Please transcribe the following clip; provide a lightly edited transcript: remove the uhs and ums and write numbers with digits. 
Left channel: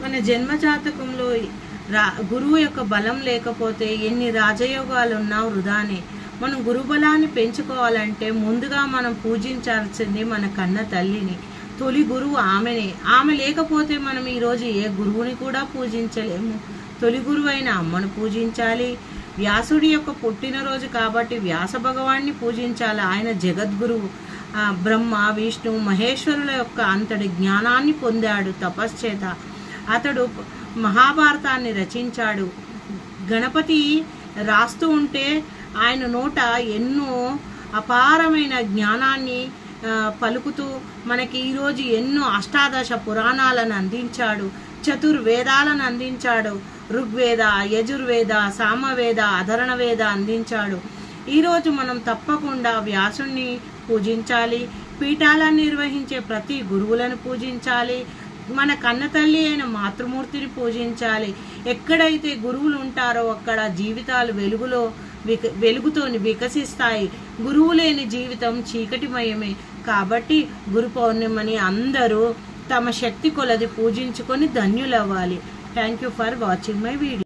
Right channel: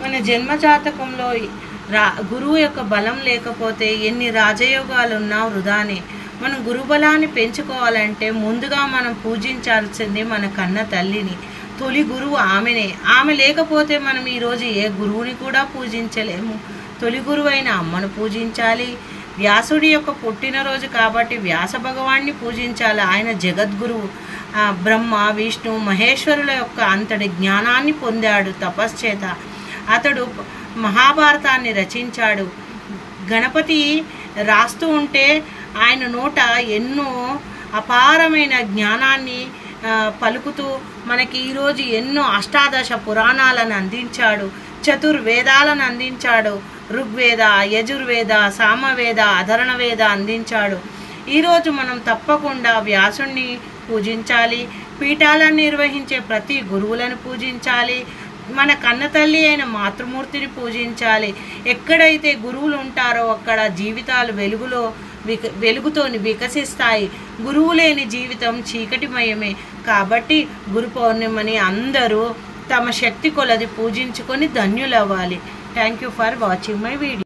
మన జన్మ జాతకంలో గురువు యొక్క బలం లేకపోతే ఎన్ని రాజయోగాలు ఉన్నా వృధానే. మనం గురుబలాన్ని పెంచుకోవాలంటే ముందుగా మనం పూజించాల్సింది మన కన్న తల్లిని. తొలి గురువు ఆమెనే. ఆమె లేకపోతే మనం ఈరోజు ఏ గురువుని కూడా పూజించలేము. తొలి గురువు అయిన అమ్మను పూజించాలి. వ్యాసుడి యొక్క పుట్టినరోజు కాబట్టి వ్యాస భగవాన్ని పూజించాలి. ఆయన జగద్గురువు. బ్రహ్మ విష్ణు మహేశ్వరుల యొక్క అంతటి జ్ఞానాన్ని పొందాడు తపశ్చేత. అతడు మహాభారతాన్ని రచించాడు. గణపతి రాస్తూ ఉంటే ఆయన నోట ఎన్నో అపారమైన జ్ఞానాన్ని పలుకుతూ మనకి ఈరోజు ఎన్నో అష్టాదశ పురాణాలను అందించాడు. చతుర్వేదాలను అందించాడు. ఋగ్వేద, యజుర్వేద, సామవేద, అధర్ణ వేద అందించాడు. ఈరోజు మనం తప్పకుండా వ్యాసుణ్ణి పూజించాలి. పీఠాలను నిర్వహించే ప్రతి గురువులను పూజించాలి. మన కన్నతల్లి అయిన మాతృమూర్తిని పూజించాలి. ఎక్కడైతే గురువులు ఉంటారో అక్కడ జీవితాలు వెలుగుతోని వికసిస్తాయి. గురువు లేని జీవితం చీకటిమయమే. కాబట్టి గురు పౌర్ణిమని అందరూ తమ శక్తి కొలది పూజించుకొని ధన్యులవ్వాలి. Thank you for watching my video.